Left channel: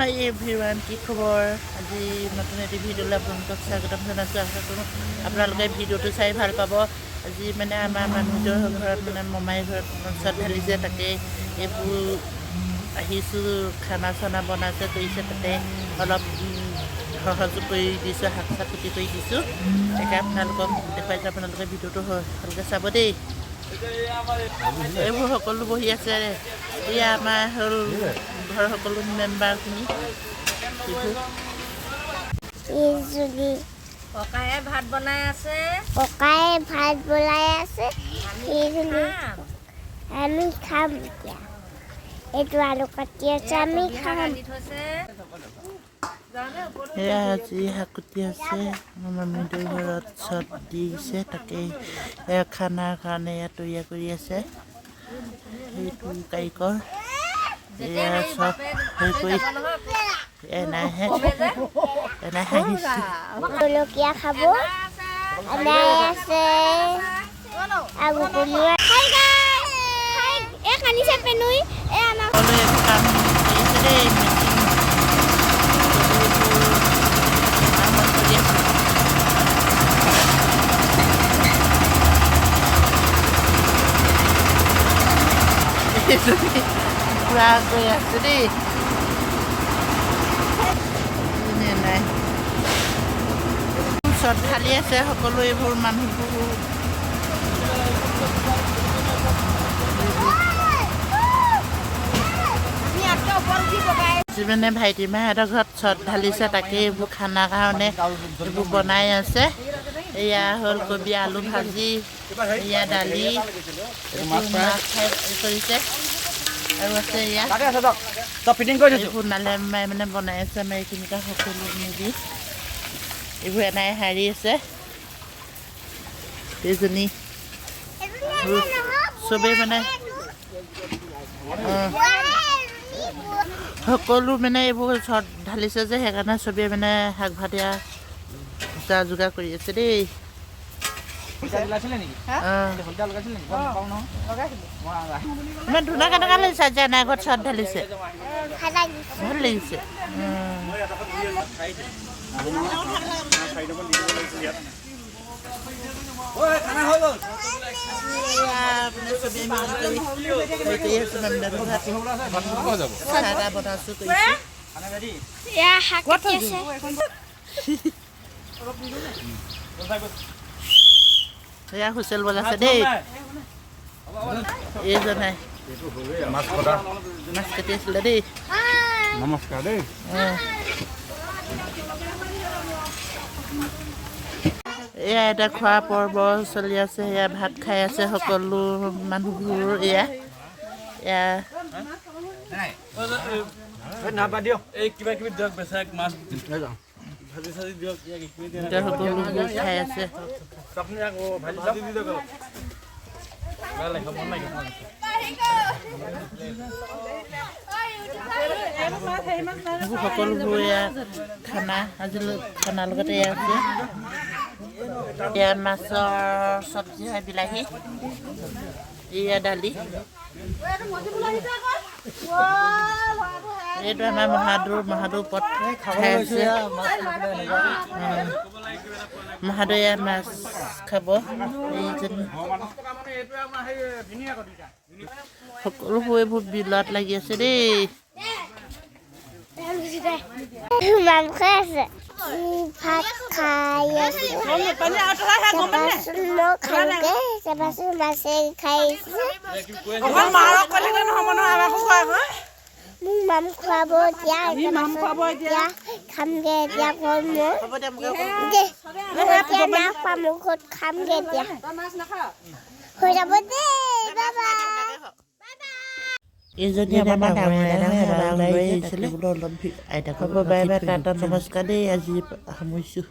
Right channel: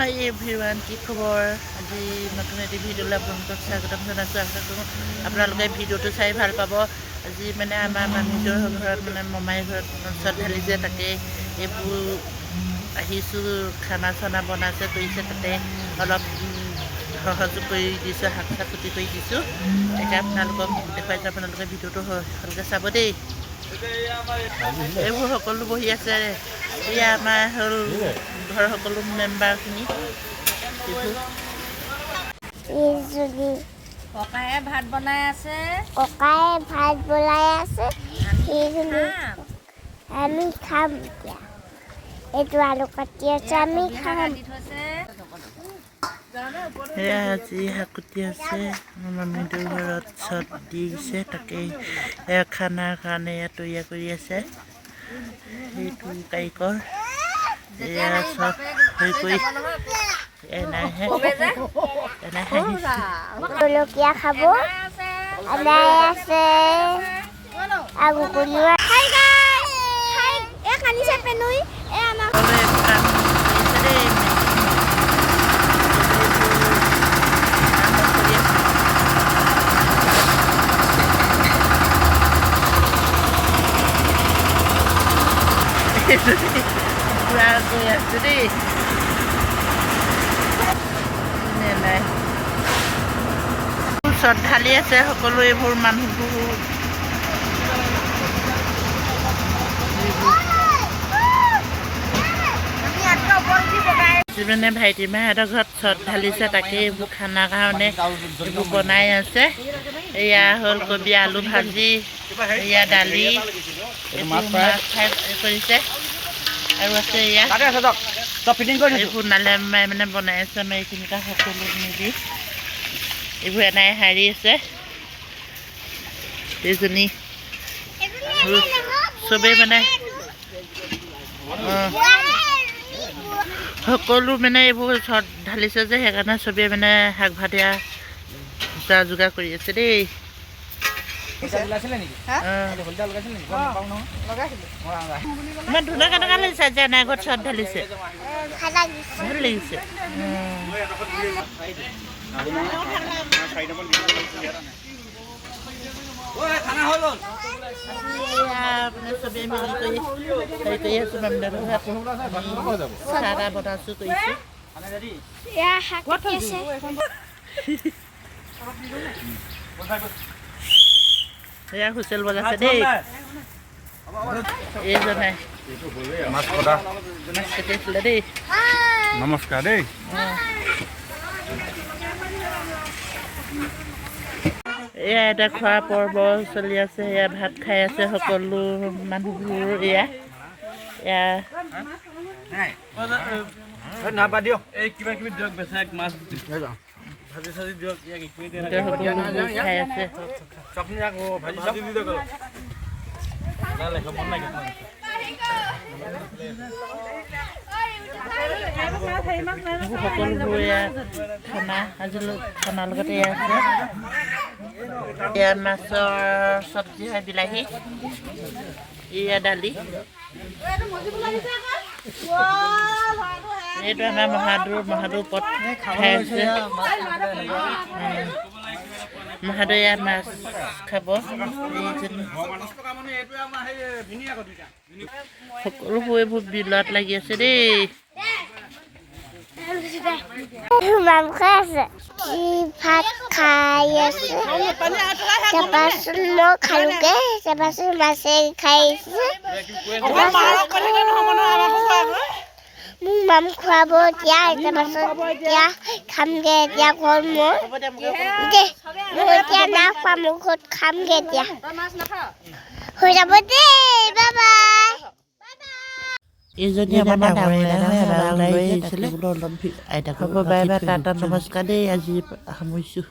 হাই everyone কি খবৰ আজি নতুন এটি ভিডিঅ'লৈ আপোনালোকক স্বাগতম জনাইছোঁ আশা কৰোঁ আপোনালোকে ভিডিঅ'টো চাই ভাল পাব আজি মানে আমাৰ মামীটোৰ ঘৰত মানে মমাই ঘৰত চট ঢালিছে তাকে এইবোৰ আহিছোঁ খানা চানা বনাইছে কৰিছে তাতে অলপ সহযোগ কৰি দিছোঁ শাক চাক কুটি কৰি দিছোঁ তাকে আপোনালোকক দেখুৱাইছোঁ আপোনালোকে ভিডিঅ'টো ভালকৈ চাব দেই এইবোৰ সকলো বহি আছে এয়া আমাৰ হ'ল ঘৰৰ সকলো মেম্বাৰখিনি ককায়ে ভাত বনাই আছে আমি খাম এতিয়া এইটো আলু কাটি আছে আমি খাম এয়া আজি শাক কুটি আছে আমাৰ মামীটোৰ ঘৰত চট দিছে তাকে এয়া খানাৰ কাৰণে এয়া তৈয়াৰ কৰি আছে সেইটো কাৰিকৰ এয়া চব হেৰি কৰি এনাহে জলকীয়া খাব আদাই আছে আলু কলিয়া হাই গাইস হাই এ কানিছে পেনুই এ আমাৰ পুৰা গৈ আছে দেই চট ঢালি আছে সকলো এইবোৰ মানুহবোৰ মানে ভাইটি মাহঁতৰ ঘৰত চট ঢালিছে তাকে এইবোৰ খানাৰ কাৰণে এইবোৰ বনাই আছে এয়া হ'ল কবি আলু ভাজি এয়া দালি এইবোৰ মাছ ফ্ৰাই কৰিছে আৰু আছে এয়া এইবোৰ নালে মাই মানে বনাই আছে আমাৰ এইখিনিতে সকলো মিলি এইবোৰ এনাই হাৰি আছে এইজনী চবেই মানে সকলো মানে এইবোৰ চট ঢালিছে যে সেইকাৰণে চবেই মানে শাক ভাতিয়া যা যোগাৰ কৰি আছে দেই ইমান ধুনীয়া কেনেকুৱা লাগিছে আজি এনাই ঘৰত চট ঢালিছে ভাল লাগিছে চবেই মিলি কৰি হেৰি কৰি আছোঁ মামীদাহঁতৰ ঘৰত চাহ বনাইছোঁ কৰিছোঁ শাক কাটি আছে এয়া হুচেল বজাইছে দেই এইজনাই মাছ কটা মাছ কাটি আছিলে দেই নমস্কাৰ দেই এয়া এটা খোৱা পৰ্ব চলি আছে এয়া ভাত খাই আছে সকলো মানুহবোৰ এয়া সকলোবোৰ খাই আছে সকলোবোৰ এয়া খানা আজি খানাৰ লগতে এয়া আছে এয়া মাছৰ চব্জি হয় বিলাহী এয়া দালি এইটো আমাৰ মহাদুৰ পথ খাই আছে মহাদুৰ এয়া মাছ খাব এইজনী সকলোবোৰ এইবোৰ বিলত লাগি আছে দেই মাংস আছে ভাত খাই আছে তাৰপাছত মই খালোগে তাৰপাছত মাছে খাই আহিছে মোক মাম খুৱাব এতিয়া তাৰপাছত এতিয়া খামগে এতিয়া ঘৰত মই এতিয়া নাখোৱা মোৰ ঘৰত খামগে এতিয়া হৈ যাব দেই বাই বাই এইজনী আমাৰ ডাঙৰ আইতাক হ'ব বাই বাই টাটা নমস্কাৰ দেই আজি সামৰিছোঁ